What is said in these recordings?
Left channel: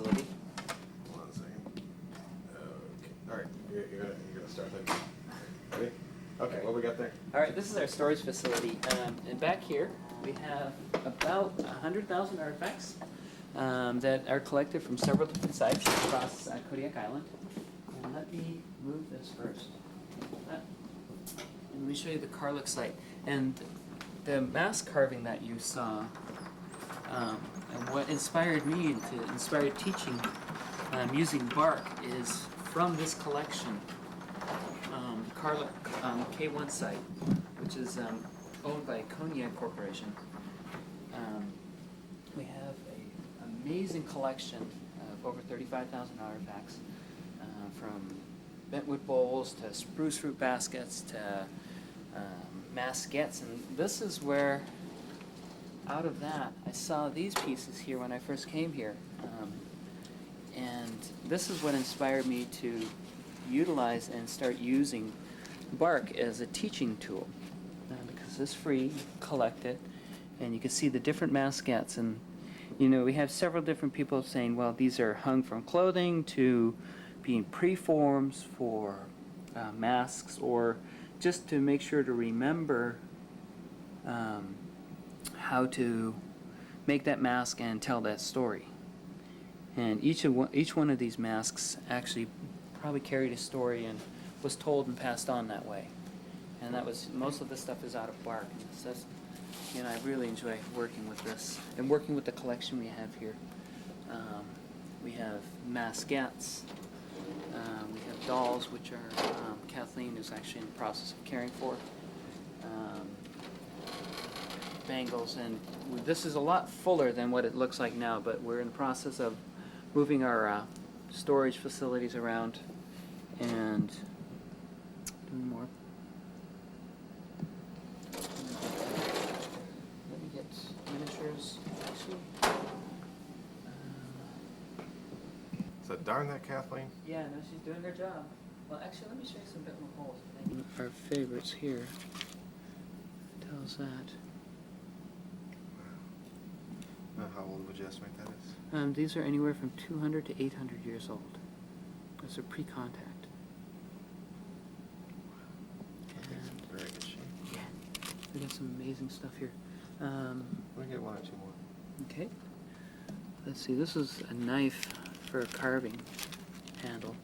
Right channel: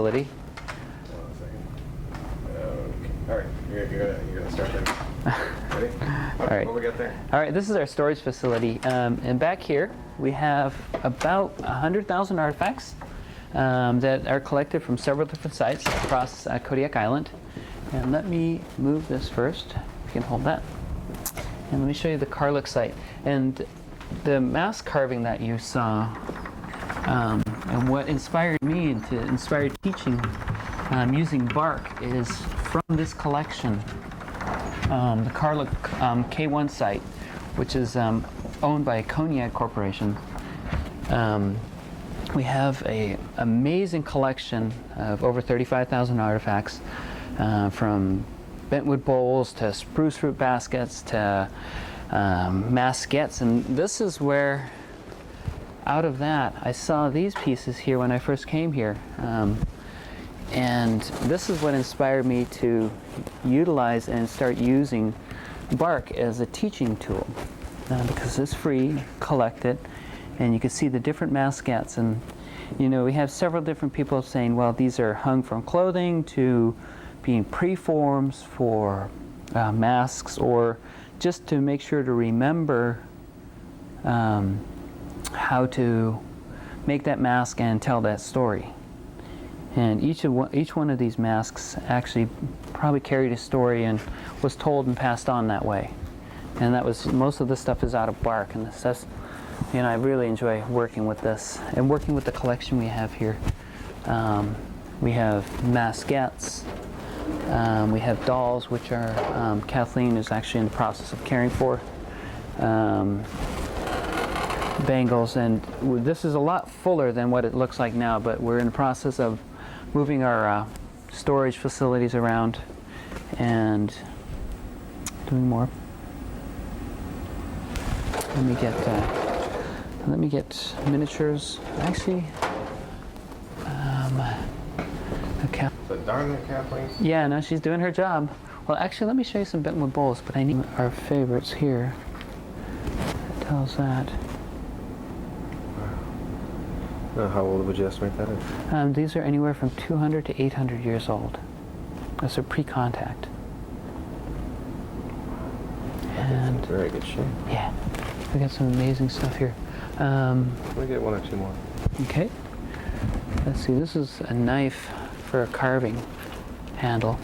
facility. Hold on a second. Okay. All right, you're gonna start then. Ready? All right. What we got there? All right, this is our storage facility, and back here we have about 100,000 artifacts that are collected from several different sites across Kodiak Island. And let me move this first. You can hold that. And let me show you the Karluk site. And the mask carving that you saw, and what inspired me to inspire teaching using bark is from this collection. The Karluk K1 site, which is owned by Kodiak Corporation. We have an amazing collection of over 35,000 artifacts, from bentwood bowls to spruce fruit baskets to maskettes. And this is where, out of that, I saw these pieces here when I first came here. And this is what inspired me to utilize and start using bark as a teaching tool, because it's free, collect it, and you can see the different maskettes. And you know, we have several different people saying, well, these are hung from clothing to being preforms for masks, or just to make sure to remember how to make that mask and tell that story. And each one of these masks actually probably carried a story and was told and passed on that way. And that was, most of this stuff is out of bark, and that's, you know, I really enjoy working with this and working with the collection we have here. We have maskettes, we have dolls, which are Kathleen is actually in the process of caring for. Bangles, and this is a lot fuller than what it looks like now, but we're in the process of moving our storage facilities around and doing more. Let me get miniatures. Actually, So darn it, Kathleen. yeah, no, she's doing her job. Well, actually, let me show you some bentwood bowls, but I need our favorites here. It tells that. How old would you estimate that is? These are anywhere from 200 to 800 years old. That's a pre-contact. And very good shape. Yeah, we got some amazing stuff here. We'll get one or two more. Okay. Let's see. This is a knife for a carving handle,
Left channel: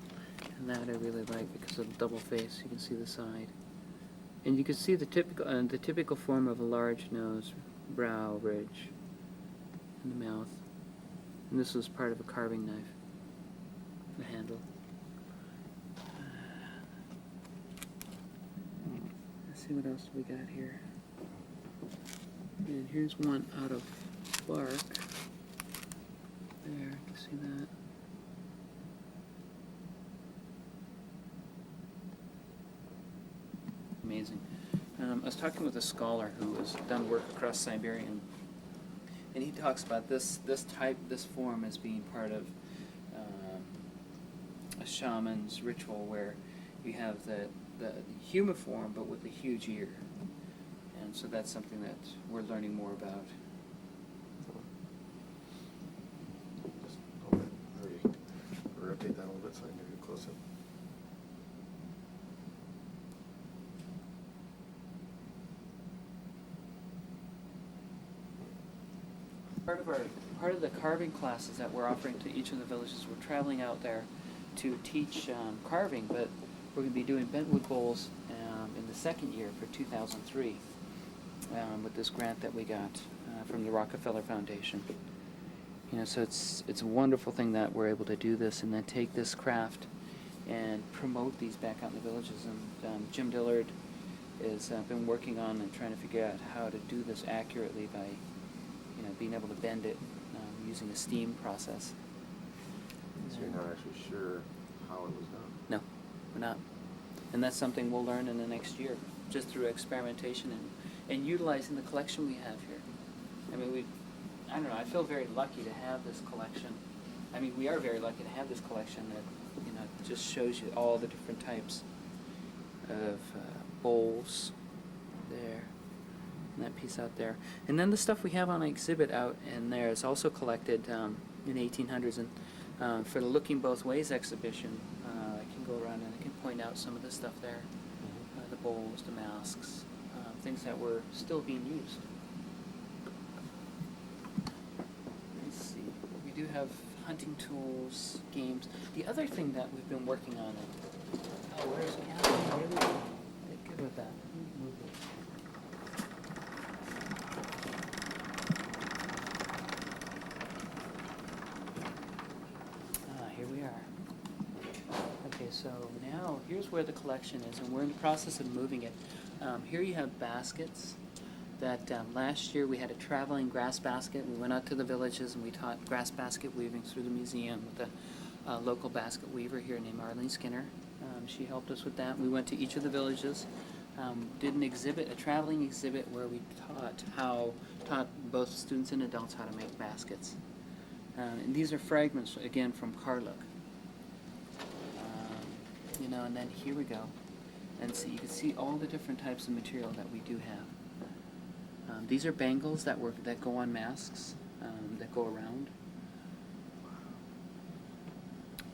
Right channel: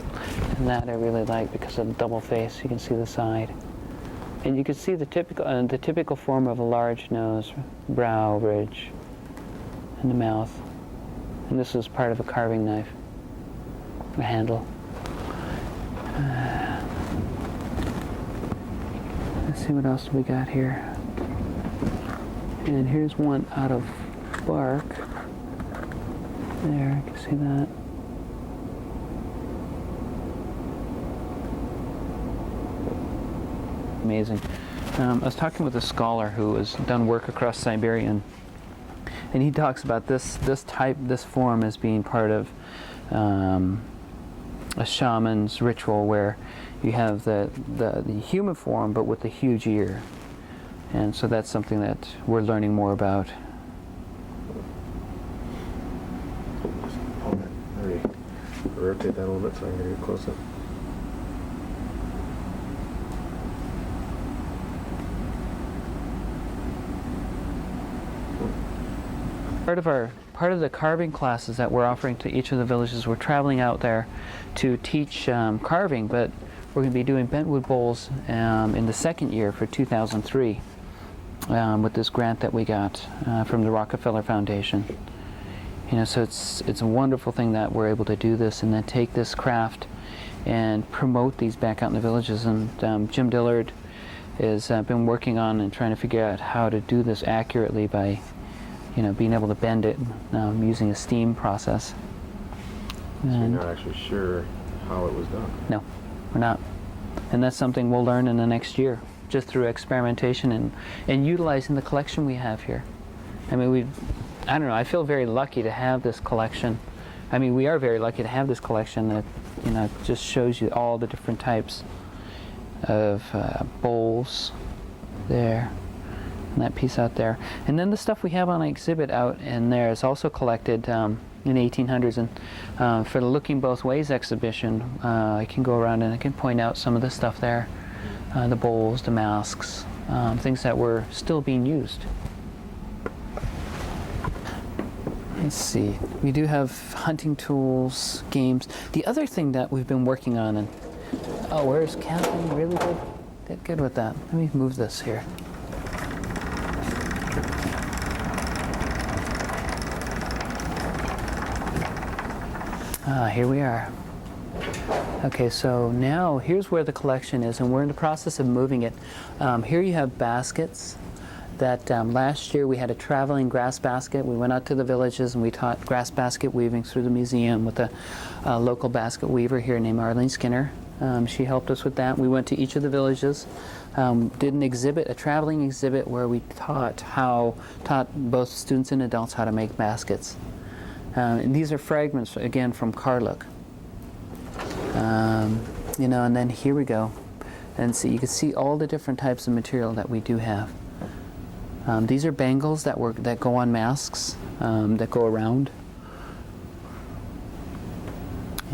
and that I really like because of the double face. You can see the side, and you can see the typical form of a large nose, brow ridge, and the mouth. And this is part of a carving knife, a handle. Let's see what else we got here. And here's one out of bark. There, you can see that. Amazing. I was talking with a scholar who has done work across Siberia, and he talks about this form as being part of a shaman's ritual, where you have the human form but with the huge ear. And so that's something that we're learning more about. Rotate that a little bit so I can get close up. Part of the carving classes that we're offering to each of the villages, we're traveling out there to teach carving, but we're going to be doing bentwood bowls in the second year for 2003 with this grant that we got from the Rockefeller Foundation. You know, so it's a wonderful thing that we're able to do this and then take this craft and promote these back out in the villages. And Jim Dillard has been working on and trying to figure out how to do this accurately by, you know, being able to bend it using a steam process. So you're not actually sure how it was done? No, we're not. And that's something we'll learn in the next year, just through experimentation and utilizing the collection we have here. I mean, I don't know, I feel very lucky to have this collection. I mean, we are very lucky to have this collection that, you know, just shows you all the different types of bowls there, and that piece out there. And then the stuff we have on exhibit out in there is also collected in the 1800s. And for the Looking Both Ways exhibition, I can go around and I can point out some of the stuff there, the bowls, the masks, things that were still being used. Let's see, we do have hunting tools, games. The other thing that we've been working on, and where's Catherine? Really good with that. Let me move this here. Here we are. Okay, so now here's where the collection is, and we're in the process of moving it. Here you have baskets that last year we had a traveling grass basket. We went out to the villages and we taught grass basket weaving through the museum with a local basket weaver here named Arlene Skinner. She helped us with that. We went to each of the villages, did an exhibit, a traveling exhibit where we taught both students and adults how to make baskets. And these are fragments, again, from Karluk. You know, and then here we go. And so you can see all the different types of material that we do have. These are bangles that go on masks, that go around.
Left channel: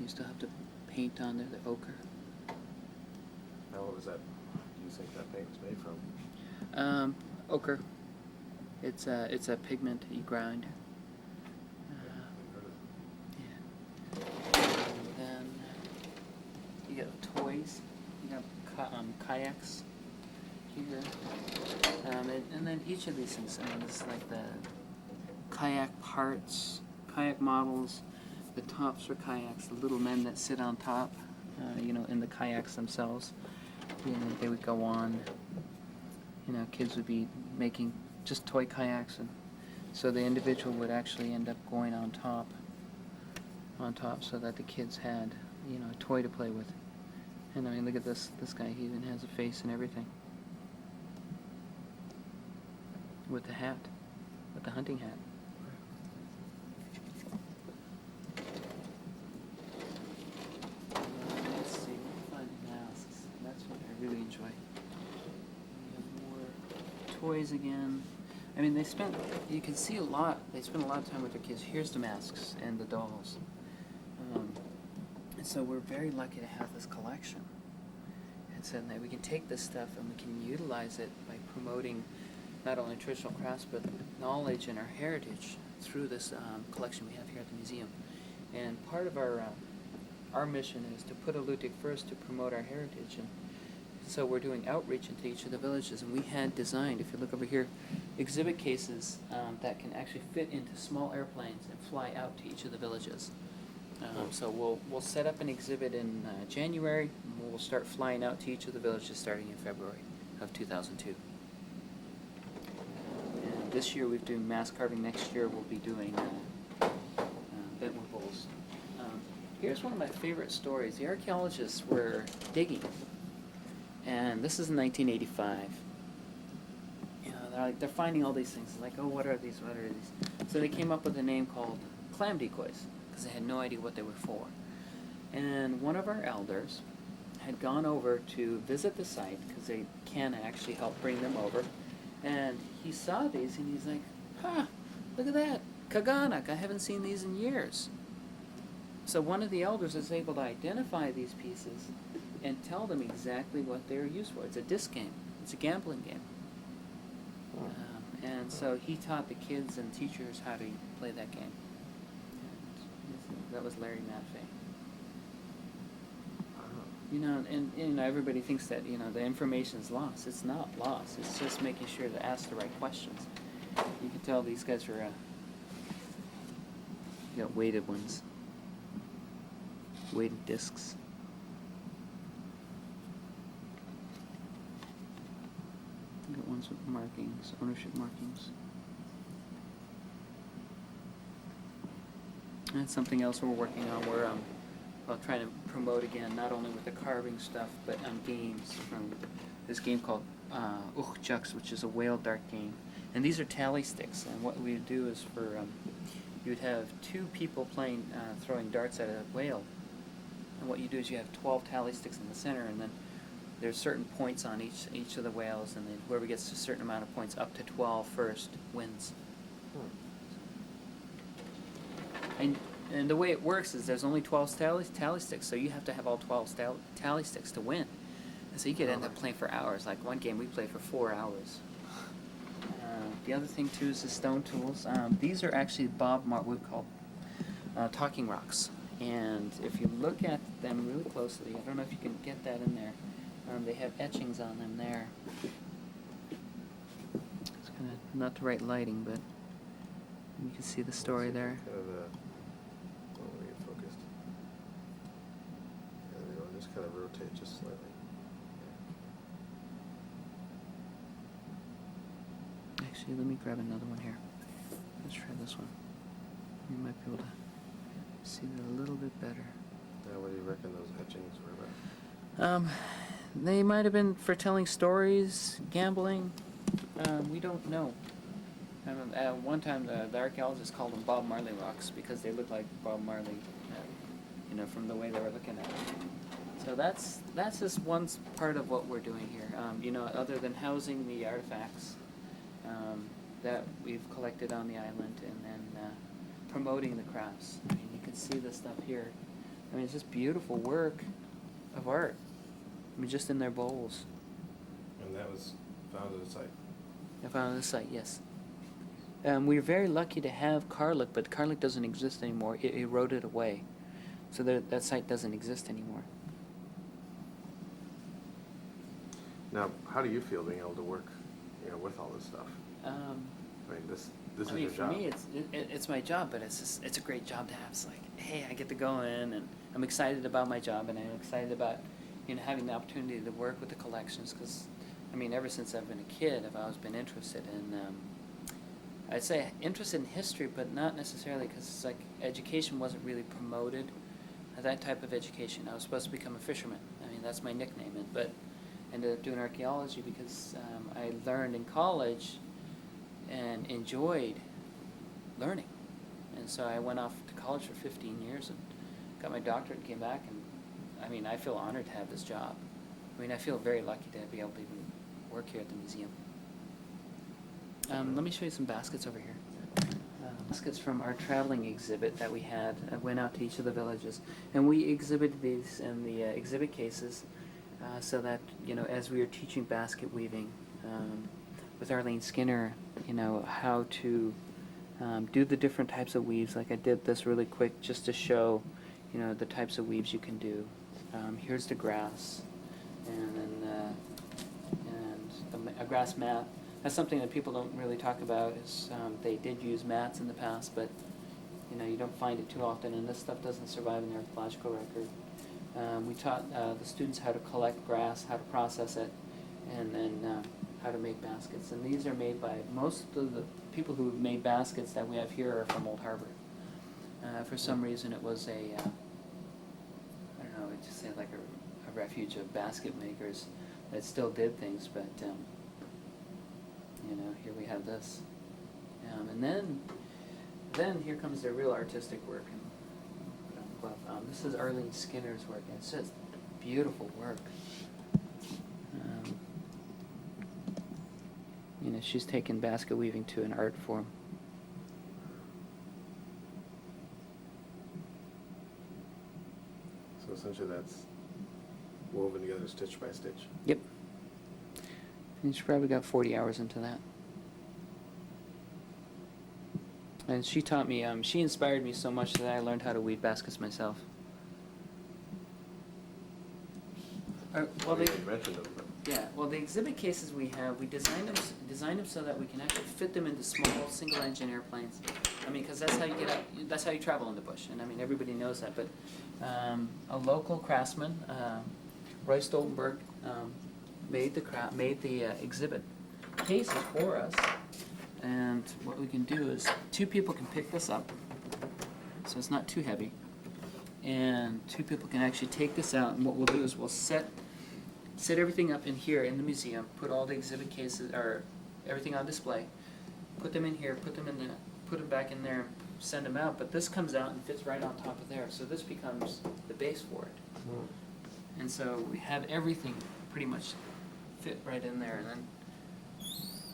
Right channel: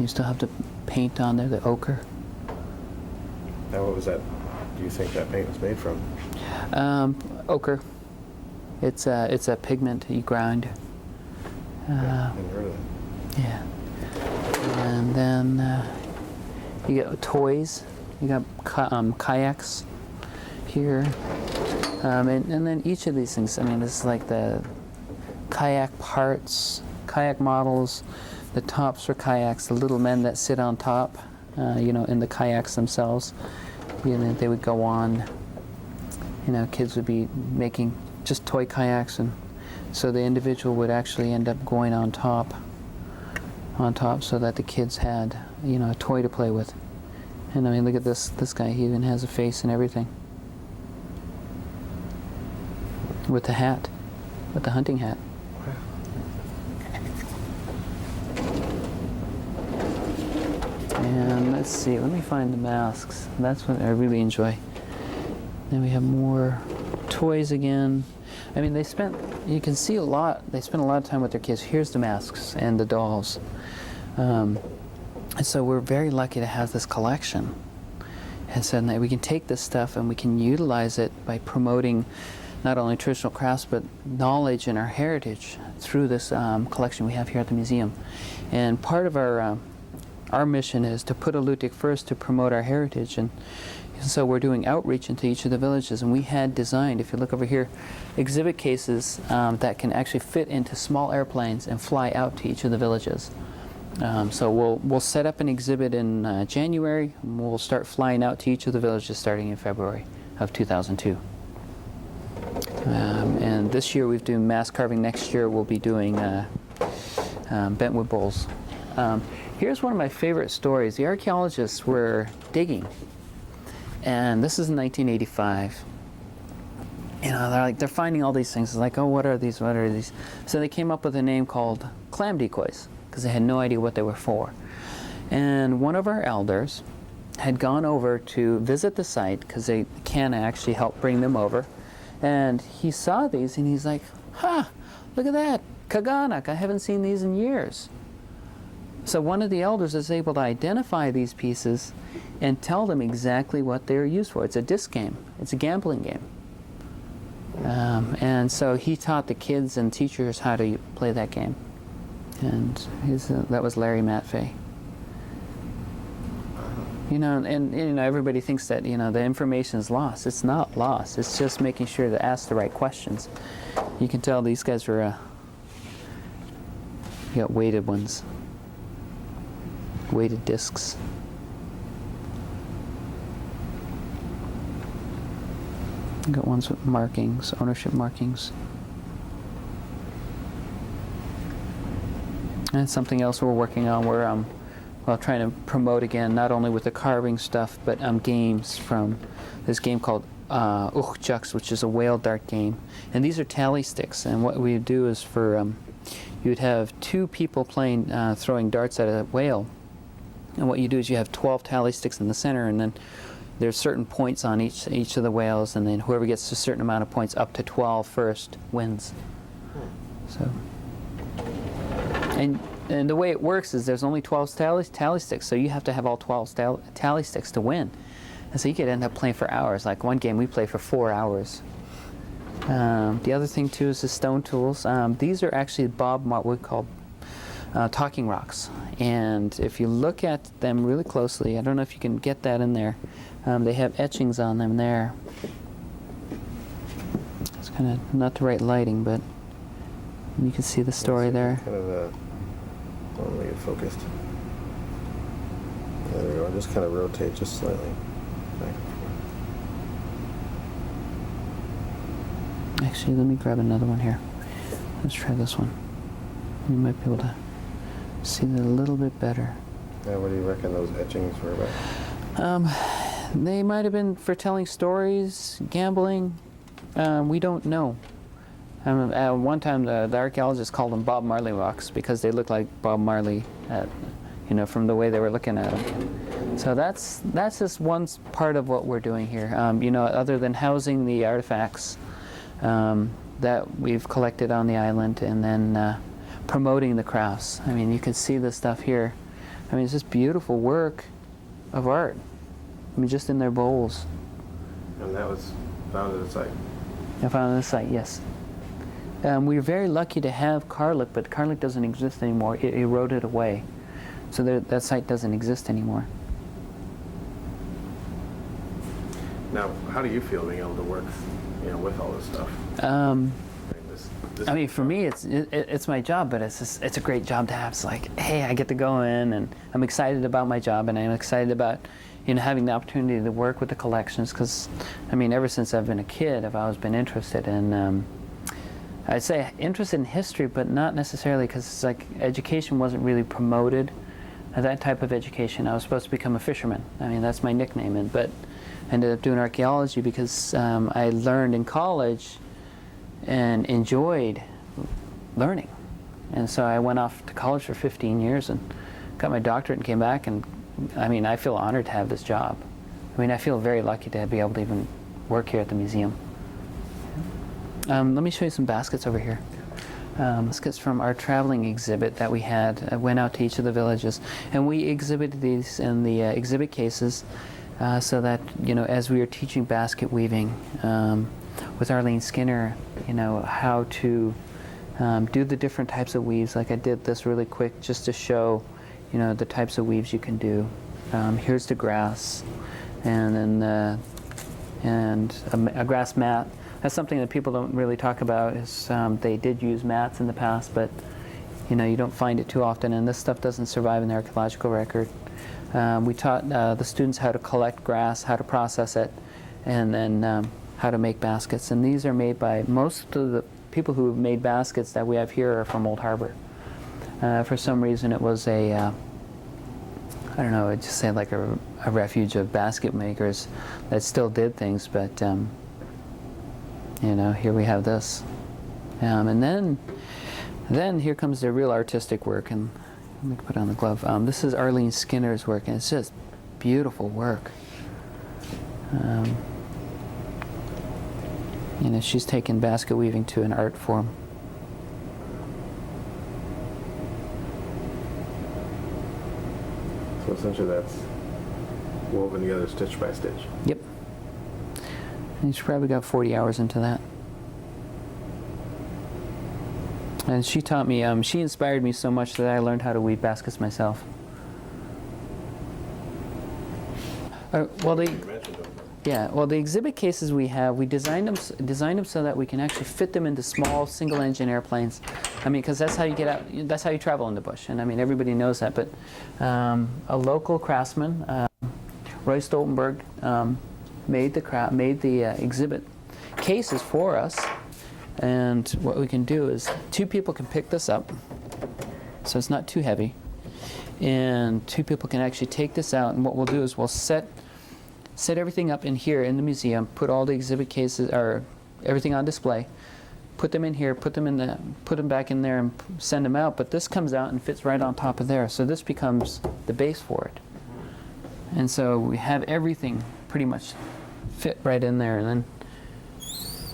You still have to paint on there, the ochre. Now, what was that? Do you think that paint was made from? Ochre. It's a pigment you grind. Hadn't heard of that. Yeah. And then you got toys. You got kayaks here. And then each of these things, I mean, this is like the kayak parts, kayak models, the tops for kayaks, the little men that sit on top, you know, in the kayaks themselves. You know, they would go on, you know, kids would be making just toy kayaks, and so the individual would actually end up going on top so that the kids had, you know, a toy to play with. And I mean, look at this guy, he even has a face and everything. With the hat, with the hunting hat. And let's see, let me find the masks. That's what I really enjoy. Then we have more toys again. I mean, you can see a lot, they spend a lot of time with their kids. Here's the masks and the dolls. And so we're very lucky to have this collection. And so we can take this stuff and we can utilize it by promoting not only traditional crafts, but knowledge and our heritage through this collection we have here at the museum. And part of our mission is to put Alutiiq first to promote our heritage. And so we're doing outreach into each of the villages. And we had designed, if you look over here, exhibit cases that can actually fit into small airplanes and fly out to each of the villages. So we'll set up an exhibit in January, and we'll start flying out to each of the villages starting in February of 2002. And this year we've done mask carving. Next year we'll be doing bentwood bowls. Here's one of my favorite stories. The archaeologists were digging, and this is in 1985. You know, they're finding all these things. It's like, oh, what are these? What are these? So they came up with a name called clam decoys because they had no idea what they were for. And one of our elders had gone over to visit the site because they can actually help bring them over. And he saw these and he's like, look at that, kaganak, I haven't seen these in years. So one of the elders is able to identify these pieces and tell them exactly what they're used for. It's a disc game, it's a gambling game. And so he taught the kids and teachers how to play that game. And that was Larry Matfey. You know, and you know, everybody thinks that, you know, the information is lost. It's not lost. It's just making sure to ask the right questions. You can tell these guys were, you got weighted ones, weighted discs. You got ones with markings, ownership markings. And something else we're working on. We're trying to promote again, not only with the carving stuff, but games from this game called Alutiiq, which is a whale dart game. And these are tally sticks. And what we do is you'd have two people playing, throwing darts at a whale. And what you do is you have 12 tally sticks in the center, and then there's certain points on each of the whales, and then whoever gets a certain amount of points up to 12 first wins. So. And the way it works is there's only 12 tally sticks, so you have to have all 12 tally sticks to win. And so you could end up playing for hours. Like one game we played for 4 hours. The other thing too is the stone tools. These are actually what we call talking rocks. And if you look at them really closely, I don't know if you can get that in there. They have etchings on them there. It's kind of not the right lighting, but you can see the story there. Kind of let me get focused. There we go. Just kind of rotate just slightly. Back and forth. Actually, let me grab another one here. Let's try this one. You might be able to see it a little bit better. Yeah, what do you reckon those etchings were about? They might have been for telling stories, gambling. We don't know. One time, the archaeologists called them Bob Marley rocks because they look like Bob Marley, from the way they were looking at them. So that's just one part of what we're doing here. Other than housing the artifacts that we've collected on the island, and then promoting the crafts. I mean, you can see this stuff here. I mean, it's just beautiful work of art. I mean, just in their bowls. And that was found at the site? I found on the site, yes. We were very lucky to have Karluk, but Karluk doesn't exist anymore. It eroded away. So that site doesn't exist anymore. Now, how do you feel being able to work, with all this stuff? For me, it's my job, but it's a great job to have. It's like, hey, I get to go in, and I'm excited about my job, and I'm excited about, having the opportunity to work with the collections. Because, ever since I've been a kid, I've always been interested in. I'd say interested in history, but not necessarily because it's like education wasn't really promoted. That type of education. I was supposed to become a fisherman. That's my nickname. But I ended up doing archaeology because I learned in college and enjoyed learning. And so I went off to college for 15 years and got my doctorate and came back. And I feel honored to have this job. I feel very lucky to be able to even work here at the museum. Let me show you some baskets over here. Baskets from our traveling exhibit that we had. I went out to each of the villages, and we exhibited these in the exhibit cases so that, as we were teaching basket weaving with Arlene Skinner, how to do the different types of weaves. Like I did this really quick just to show, the types of weaves you can do. Here's the grass, and then a grass mat. That's something that people don't really talk about. Is they did use mats in the past, but you don't find it too often, and this stuff doesn't survive in the archaeological record. We taught the students how to collect grass, how to process it, and then how to make baskets. And these are made by most of the people who have made baskets that we have here are from Old Harbor. For some reason, it was I don't know, I'd just say like a refuge of basket makers that still did things, but here we have this. And then here comes the real artistic work, and let me put on the glove. This is Arlene Skinner's work, and it's just beautiful work. She's taken basket weaving to an art form. So essentially that's woven together stitch by stitch. Yep. And she probably got 40 hours into that. And she taught me, she inspired me so much that I learned how to weave baskets myself. The exhibit cases we have, we designed them so that we can actually fit them into small single-engine airplanes. Because that's how you get out. That's how you travel in the bush, and everybody knows that. But a local craftsman, Roy Stoltenberg, made the exhibit cases for us. And what we can do is 2 people can pick this up, so it's not too heavy, and 2 people can actually take this out. And what we'll do is we'll set everything up in here in the museum, put all the exhibit cases or everything on display, put them in here, put them back in there, and send them out. But this comes out and fits right on top of there, so this becomes the base for it. And so we have everything pretty much fit right in there, and then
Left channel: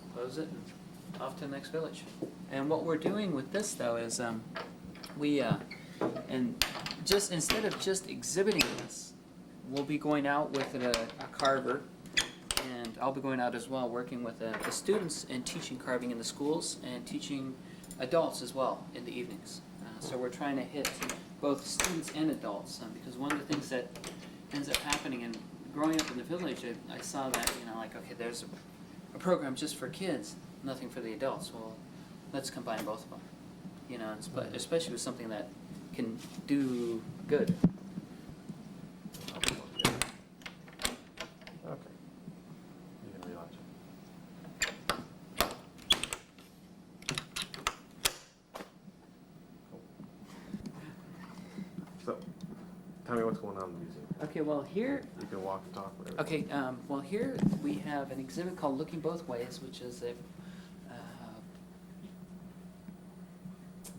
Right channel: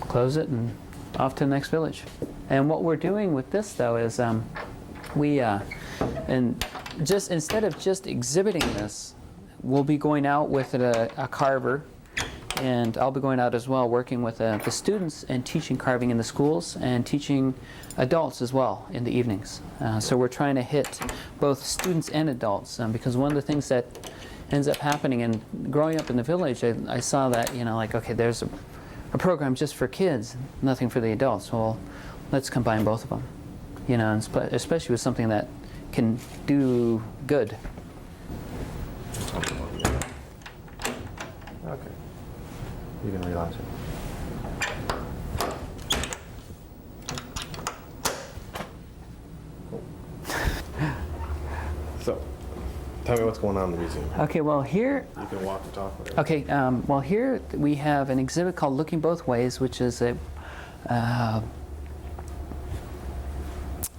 close it and off to the next village. And what we're doing with this, though, is we and just instead of just exhibiting this, we'll be going out with a carver, and I'll be going out as well, working with the students and teaching carving in the schools and teaching adults as well in the evenings. So we're trying to hit both students and adults, because one of the things that ends up happening, and growing up in the village, I saw that, like, okay, there's a program just for kids, nothing for the adults. Well, let's combine both of them, and especially with something that can do good. Okay. You can relaunch it. So, tell me what's going on in the museum. Okay, well here, You can walk and talk. Whatever. okay, well here we have an exhibit called Looking Both Ways, which is a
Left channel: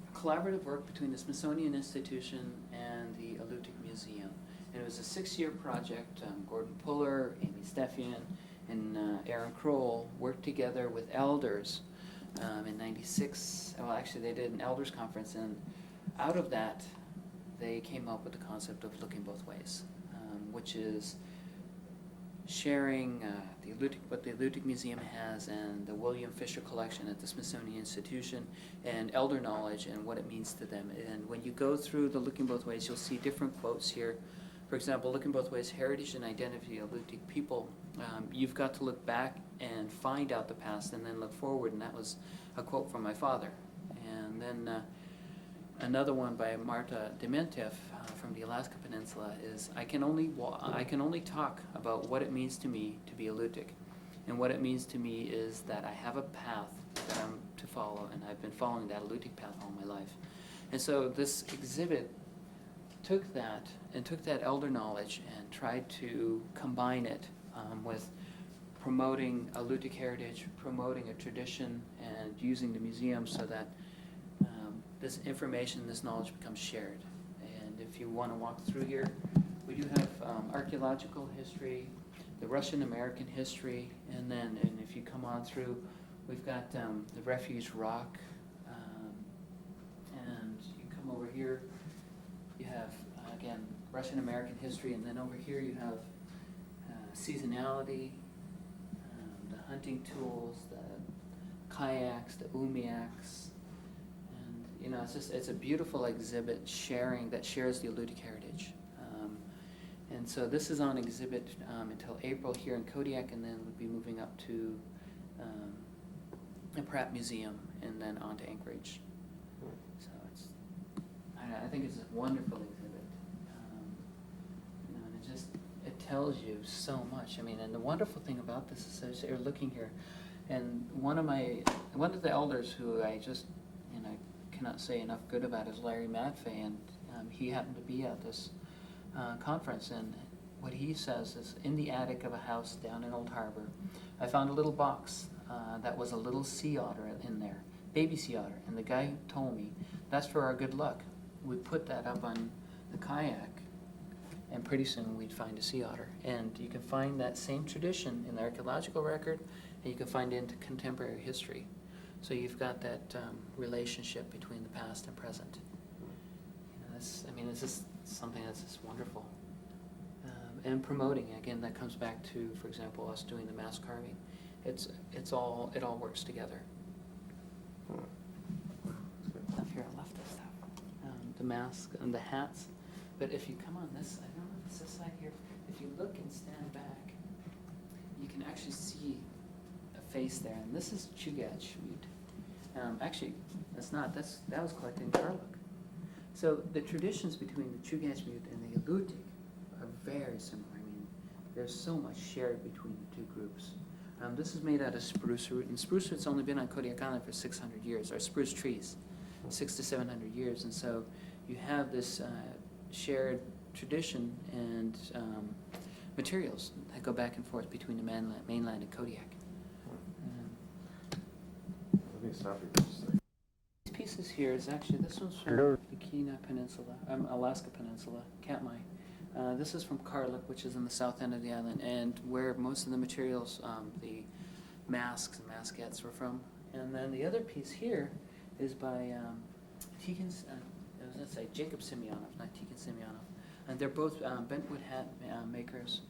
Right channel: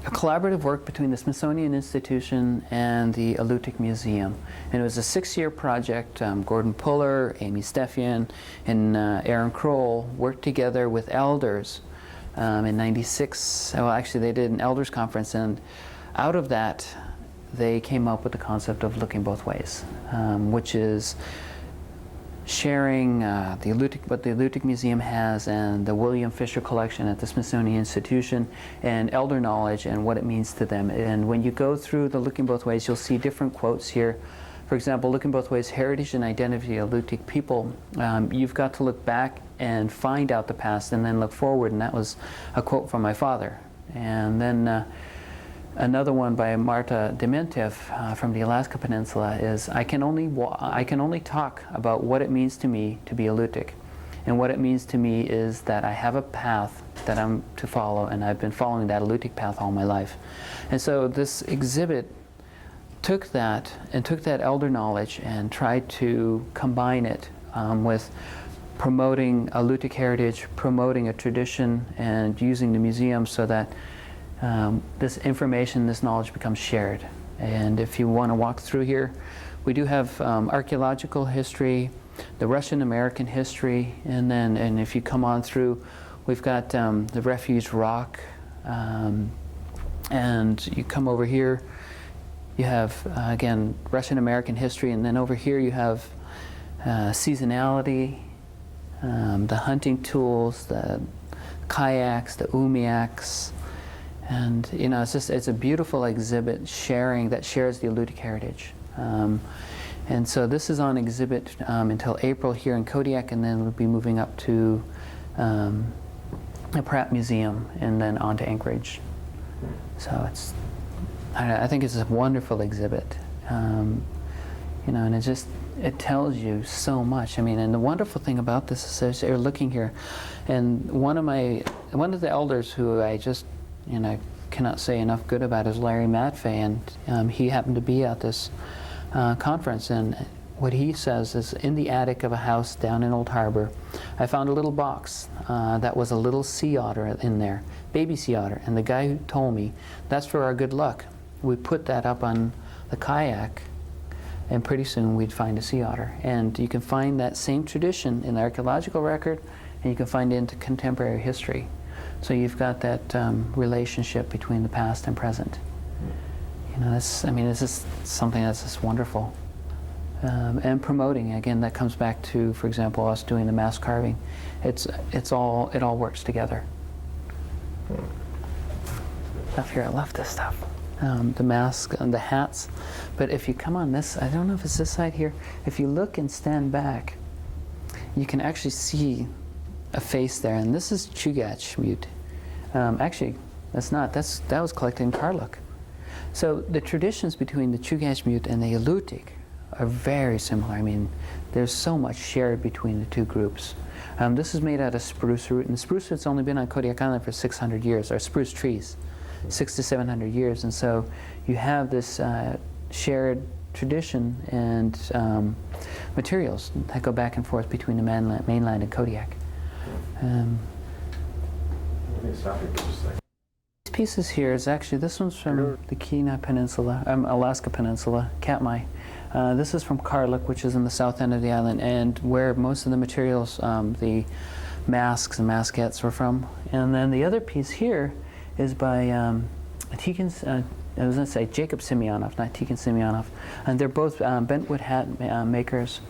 collaborative work between the Smithsonian Institution and the Alutiiq Museum. And it was a 6-year project. Gordon Puller, Amy Steffian, and Aaron Kroll worked together with elders in '96. Well, actually they did an elders conference, and out of that they came up with the concept of Looking Both Ways, which is sharing what the Alutiiq Museum has and the William Fisher Collection at the Smithsonian Institution, and elder knowledge and what it means to them. And when you go through the Looking Both Ways, you'll see different quotes here. For example, Looking Both Ways, Heritage and Identity of Alutiiq People. You've got to look back and find out the past and then look forward, and that was a quote from my father. And then another one by Marta Dementev from the Alaska Peninsula is, I can only talk about what it means to me to be Alutiiq. And what it means to me is that I have a path that I'm to follow, and I've been following that Alutiiq path all my life. And so this exhibit took that elder knowledge and tried to combine it with promoting Alutiiq heritage, promoting a tradition, and using the museum so that this information, this knowledge becomes shared. And if you want to walk through here, we do have archaeological history, the Russian-American history, and if you come on through, we've got the refuge rock, and you come over here, you have, again, Russian-American history, and then over here you have seasonality, the hunting tools, the kayaks, the umiaks. And it's a beautiful exhibit that shares the Alutiiq heritage. And so this is on exhibit until April here in Kodiak, and then we'll be moving up to the Pratt Museum and then on to Anchorage. So I think it's a wonderful exhibit. And it tells you so much. I mean, and the wonderful thing about this is you're looking here, and one of the elders who I just cannot say enough good about is Larry Matfey, and he happened to be at this conference, and what he says is, in the attic of a house down in Old Harbor, I found a little box that was a little sea otter in there, baby sea otter, and the guy who told me, that's for our good luck. We put that up on the kayak, and pretty soon we'd find a sea otter. And you can find that same tradition in the archaeological record, and you can find it in contemporary history. So you've got that relationship between the past and present. This is something that's just wonderful. And promoting, again, that comes back to, for example, us doing the mask carving. It all works together. Up here, I love this stuff. The mask and the hats. But if you come on this, I don't know if it's this side here, if you look and stand back, you can actually see a face there, and this is Chugach mute. Actually, that's not. That was collected in Karluk. So the traditions between the Chugach mute and the Alutiiq are very similar. I mean, there's so much shared between the two groups. This is made out of spruce root, and spruce root's only been on Kodiak Island for 600 years, or spruce trees, 600 to 700 years, and so you have this shared tradition and materials that go back and forth between the mainland and Kodiak. These pieces here is actually, this one's from the Kenai Peninsula, Alaska Peninsula, Katmai. This is from Karluk, which is in the south end of the island, and where most of the materials, the masks and maskettes were from. And then the other piece here is by I was going to say Jacob Semyonov, not Tikhon Semyonov. And they're both bentwood hat makers.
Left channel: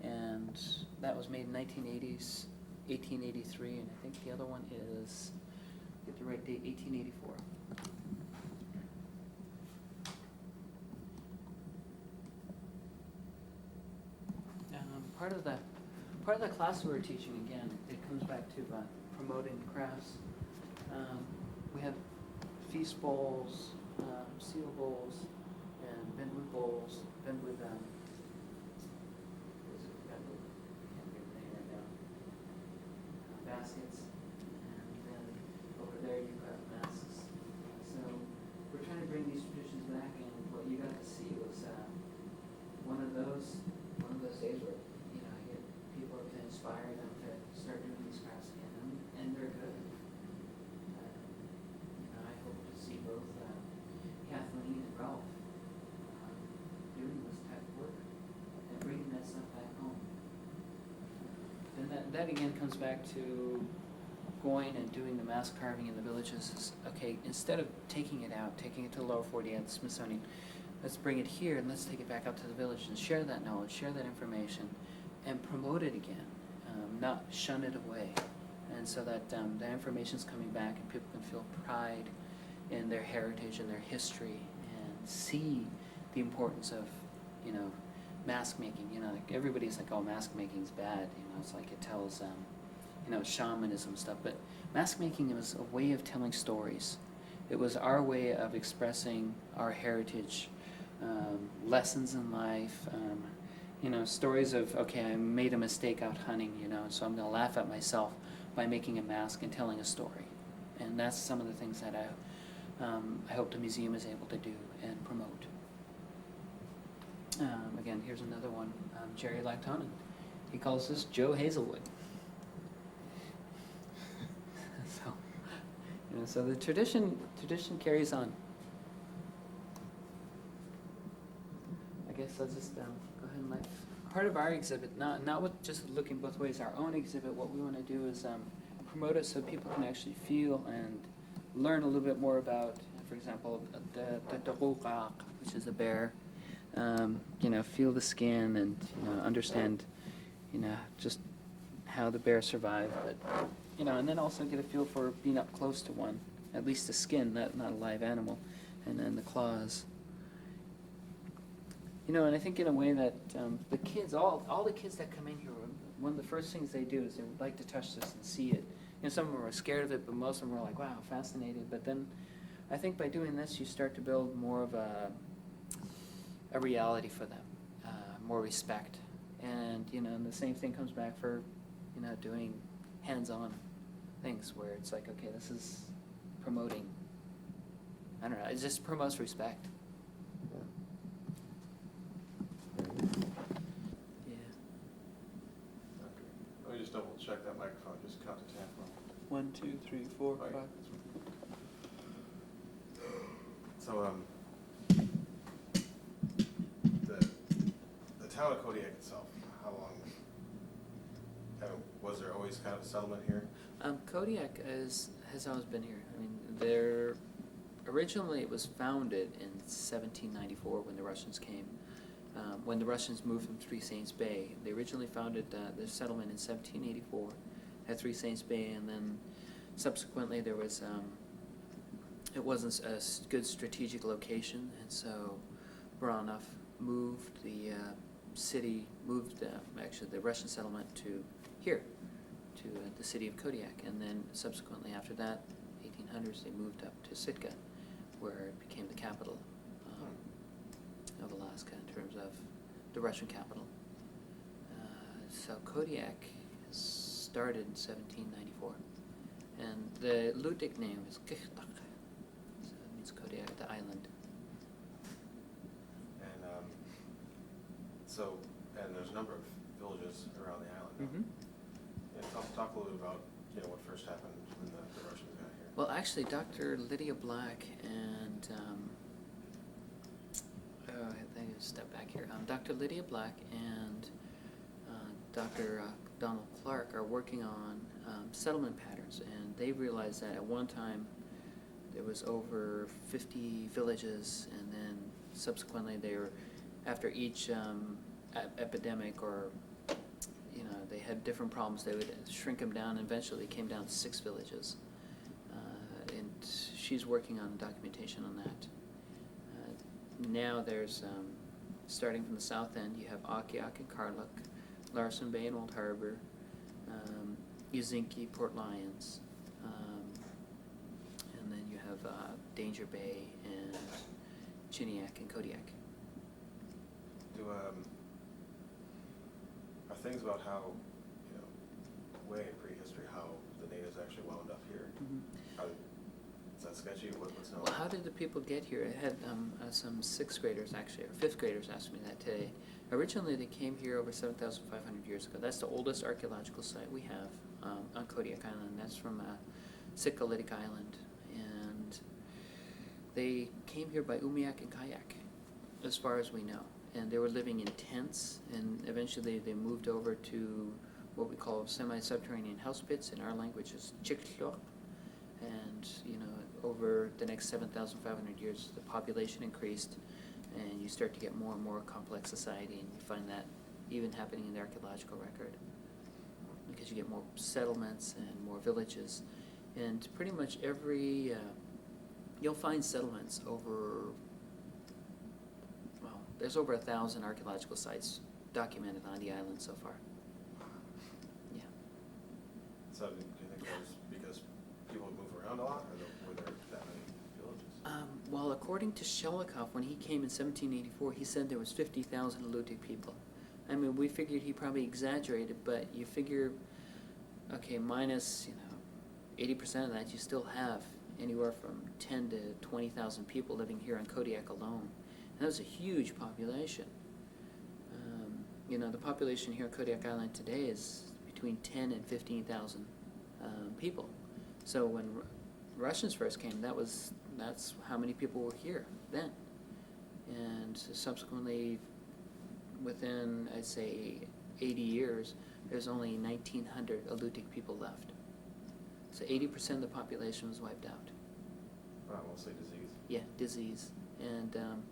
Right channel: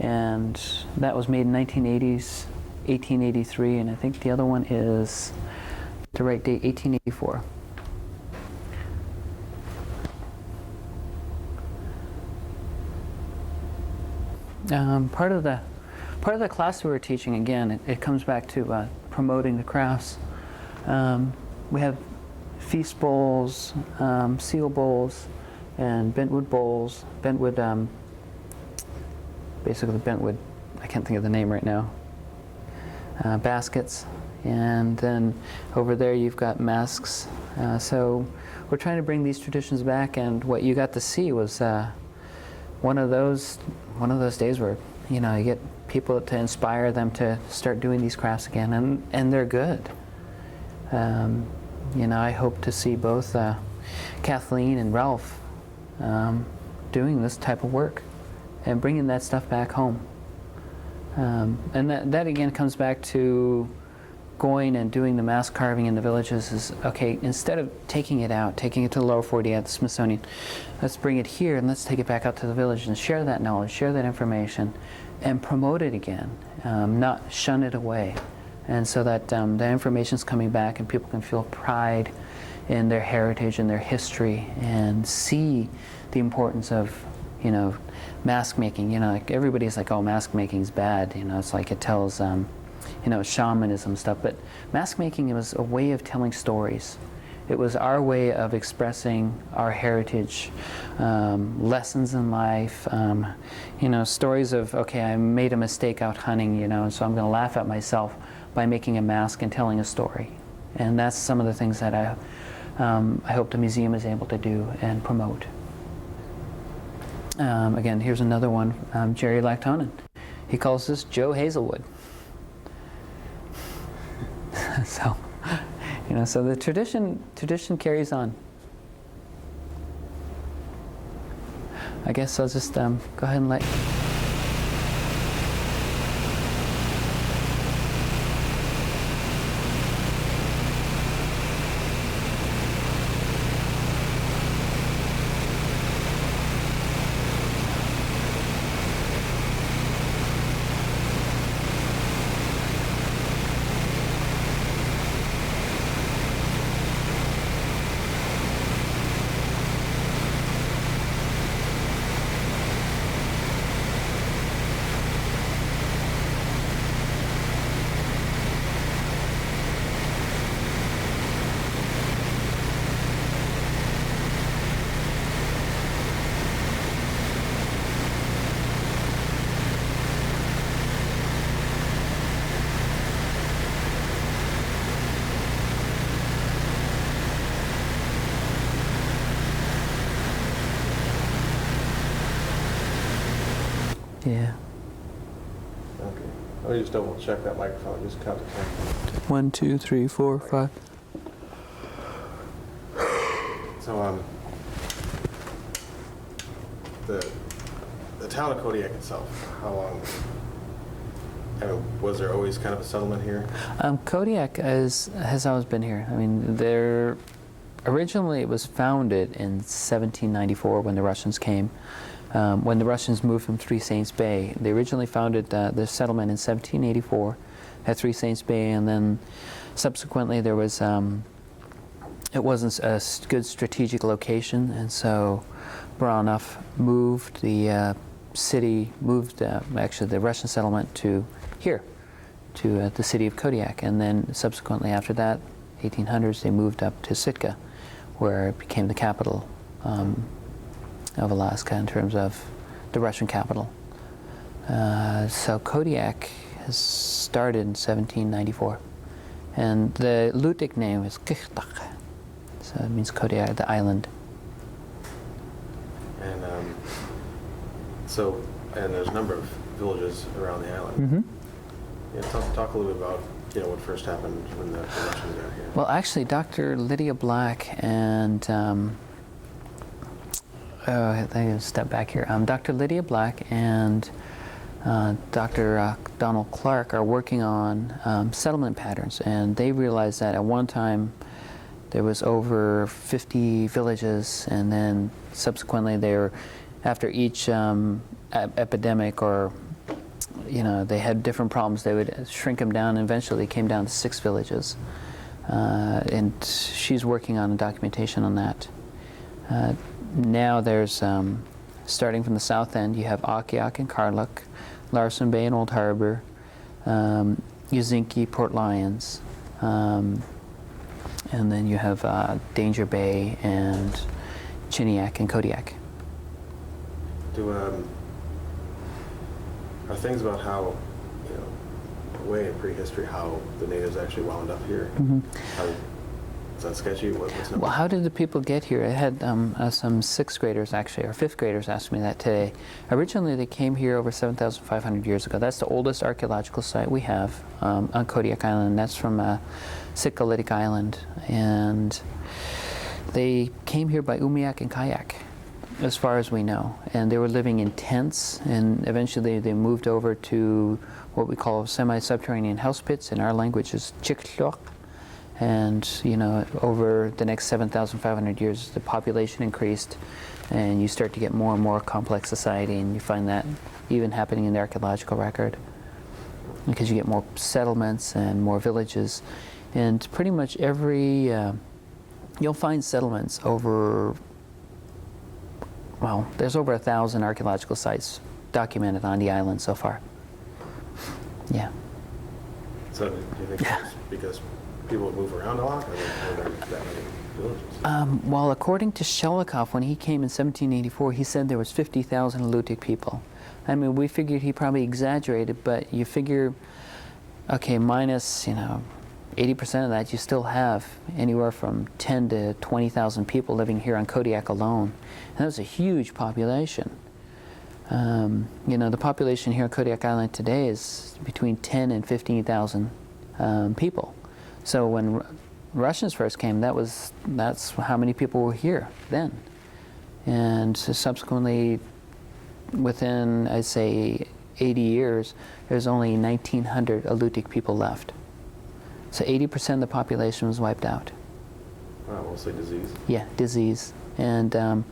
And that was made in 1980s, 1883. And I think the other one is, the right date, 1884. Part of the class we were teaching, again, it comes back to promoting the crafts. We have feast bowls, seal bowls, and bentwood bowls. Bentwood, basically bentwood, I can't think of the name right now. Baskets, and then over there you've got masks. So we're trying to bring these traditions back, and what you got to see was one of those days where, you know, you get people to inspire them to start doing these crafts again, and they're good. You know, I hope to see both Kathleen and Ralph doing this type of work and bringing that stuff back home. And that again comes back to going and doing the mask carving in the villages. Is okay, instead of taking it to the lower 48 at the Smithsonian, let's bring it here and let's take it back out to the village and share that knowledge, share that information, and promote it again, not shun it away. And so that the information's coming back and people can feel pride in their heritage and their history and see the importance of, you know, mask making. You know, like everybody's like, oh, mask making's bad. You know, it's like it tells, you know, shamanism stuff. But mask making was a way of telling stories. It was our way of expressing our heritage, lessons in life, you know, stories of, okay, I made a mistake out hunting, you know, so I'm going to laugh at myself by making a mask and telling a story. And that's some of the things that I hope the museum is able to do and promote. Again, here's another one, Jerry Lactonen. He calls this Joe Hazelwood. So, you know, so the tradition carries on. I guess I'll just go ahead and let. Yeah. Okay. Let me just double check that microphone. Just count to 10. 1, 2, 3, 4, 5. So, the town of Kodiak itself, how long? I mean, was there always kind of a settlement here? Kodiak has always been here. I mean, originally it was founded in 1794 when the Russians came. When the Russians moved from Three Saints Bay, they originally founded the settlement in 1784 at Three Saints Bay, and then subsequently there was it wasn't a good strategic location, and so Baranov moved the actually the Russian settlement to here, to the city of Kodiak, and then subsequently after that, 1800s, they moved up to Sitka, where it became the capital of Alaska in terms of the Russian capital. So Kodiak has started in 1794, and the Alutiiq name is Kiktak, so it means Kodiak, the island. And and there's a number of villages around the island. Mm-hmm. Yeah, talk a little bit about, you know, what first happened when the Russians got here. Well, actually, Dr. Lydia Black and I think I'll step back here. Dr. Lydia Black and Dr. Donald Clark are working on settlement patterns, and they realized that at one time there was over 50 villages, and then subsequently after each epidemic, or they had different problems, they would shrink them down, and eventually came down to 6 villages. And she's working on documentation on that. Now there's, starting from the south end, you have Alutiiq and Karluk, Larsen Bay and Old Harbor, Yuzinki, Port Lions, and then you have Danger Bay and Chiniak and Kodiak. Are things about how, way in prehistory, how the natives actually wound up here? Mm-hmm. Is that sketchy? What's Well, how did the people get here? I had some 6th graders, actually, or 5th graders ask me that today. Originally, they came here over 7,500 years ago. That's the oldest archaeological site we have on Kodiak Island. That's from Kodiak Island. And they came here by umiak and kayak, as far as we know. And they were living in tents, and eventually they moved over to what we call semi-subterranean house pits. In our language is chikhlok. And over the next 7,500 years, the population increased, and you start to get more and more complex society, and you find that even happening in the archaeological record, because you get more settlements and more villages, and pretty much every you'll find settlements over. Well, there's over 1,000 archaeological sites documented on the island so far. Yeah. So do you think it's because people would move around a lot, or were there that many villages? Well, according to Shelikoff, when he came in 1784, he said there was 50,000 Alutiiq people. I mean, we figured he probably exaggerated, but you figure, okay, minus 80% of that, you still have anywhere from 10 to 20,000 people living here on Kodiak alone, and that's a huge population. The population here on Kodiak Island today is between 10 and 15,000 people. So when Russians first came, that's how many people were here then. And so subsequently, within, I'd say, 80 years, there's only 1,900 Alutiiq people left. So 80% of the population was wiped out. Mostly disease? Yeah, disease. And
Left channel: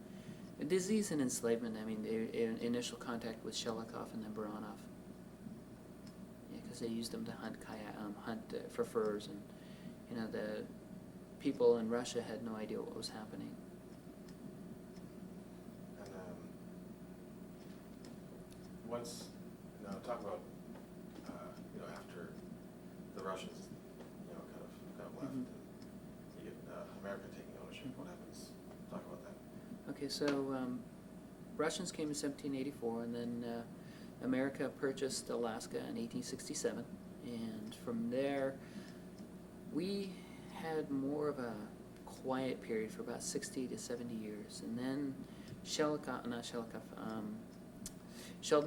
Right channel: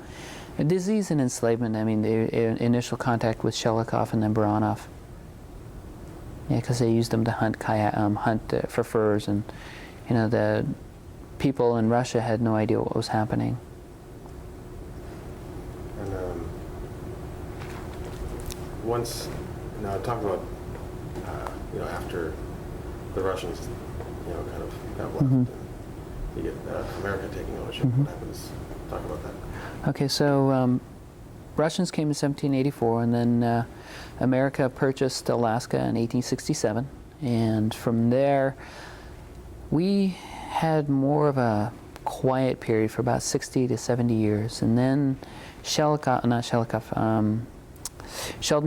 disease and enslavement. I mean, the initial contact with Shelikoff and then Baranov. Yeah, because they used them to hunt for furs, and the people in Russia had no idea what was happening. And now talk about after the Russians kind of got left, Mm-hmm. and you get America taking ownership. Mm-hmm. What happens? Talk about that. Okay, so Russians came in 1784, and then America purchased Alaska in 1867, and from there we had more of a quiet period for about 60 to 70 years, and then Sheldon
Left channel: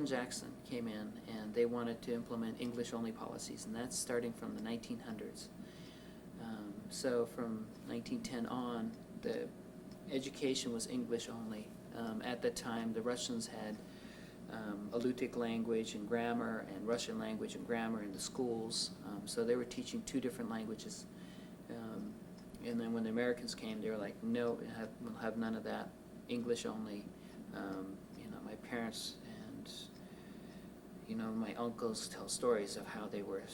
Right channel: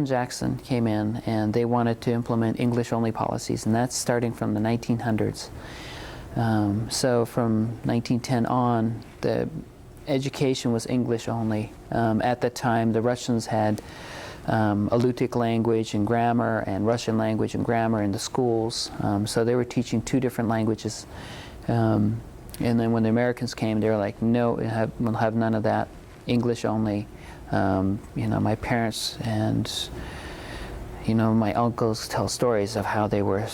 Jackson came in, and they wanted to implement English-only policies, and that's starting from the 1900s. So from 1910 on, the education was English only. At the time, the Russians had Alutiiq language and grammar and Russian language and grammar in the schools. So they were teaching 2 different languages. And then when the Americans came, they were like, no, we'll have none of that, English only. My parents and my uncles tell stories of how they were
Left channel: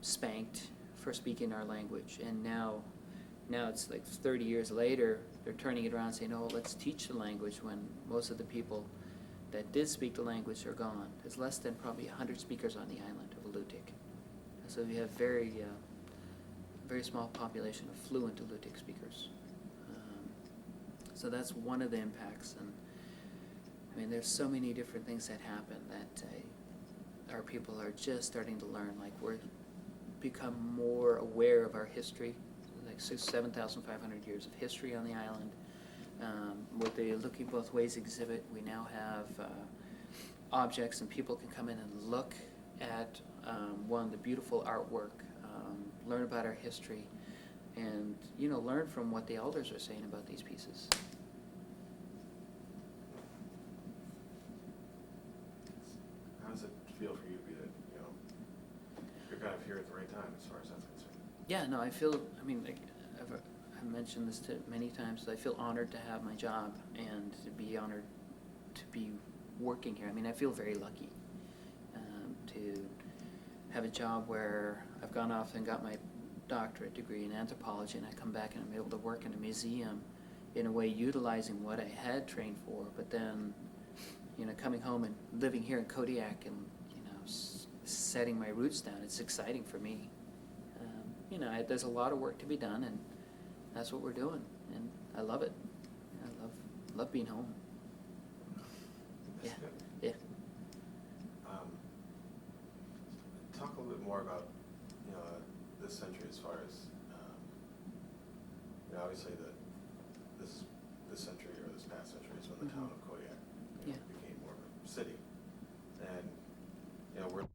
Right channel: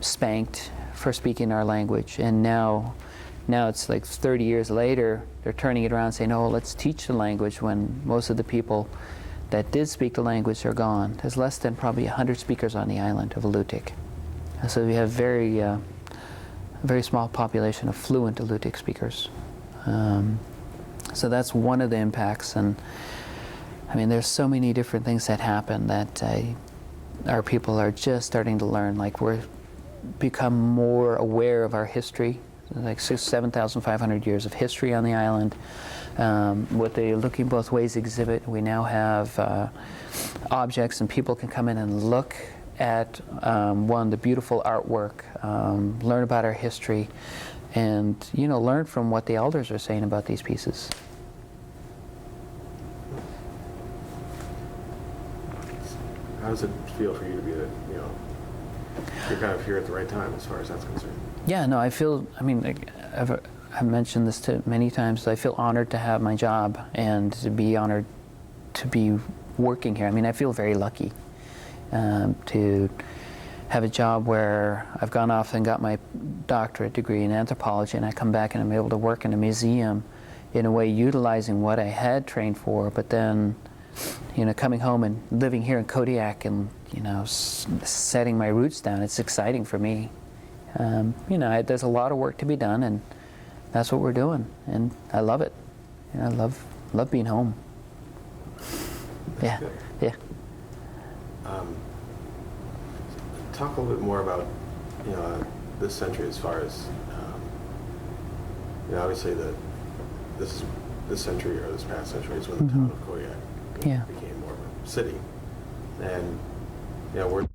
spanked for speaking our language, and now it's like 30 years later, they're turning it around and saying, oh, let's teach the language, when most of the people that did speak the language are gone. There's less than probably 100 speakers on the island of Alutiiq. And so we have very small population of fluent Alutiiq speakers. So that's one of the impacts, and I mean, there's so many different things that happen that our people are just starting to learn. Like, we're become more aware of our history, like 7,500 years of history on the island. With the Looking Both Ways exhibit, we now have objects, and people can come in and look at the beautiful artwork, learn about our history, and learn from what the elders are saying about these pieces. How does it feel for you to be you're kind of here at the right time as far as that's concerned? Yeah, no, I feel, I I've mentioned this to many times. I feel honored to have my job and to be honored to be working here. I mean, I feel very lucky to have a job where I've gone off and got my doctorate degree in anthropology, and I come back and I'm able to work in a museum in a way utilizing what I had trained for, but then, you know, coming home and living here in Kodiak and, you know, setting my roots down. It's exciting for me. You know, there's a lot of work to be done, and that's what we're doing, and I love it. You know, I love being home. Yeah, Good. yeah. Talk a little bit more about, you know, this century as far as, you know, obviously this century or this past century is when the town of Kodiak Yeah. became more of a city, and you know, we're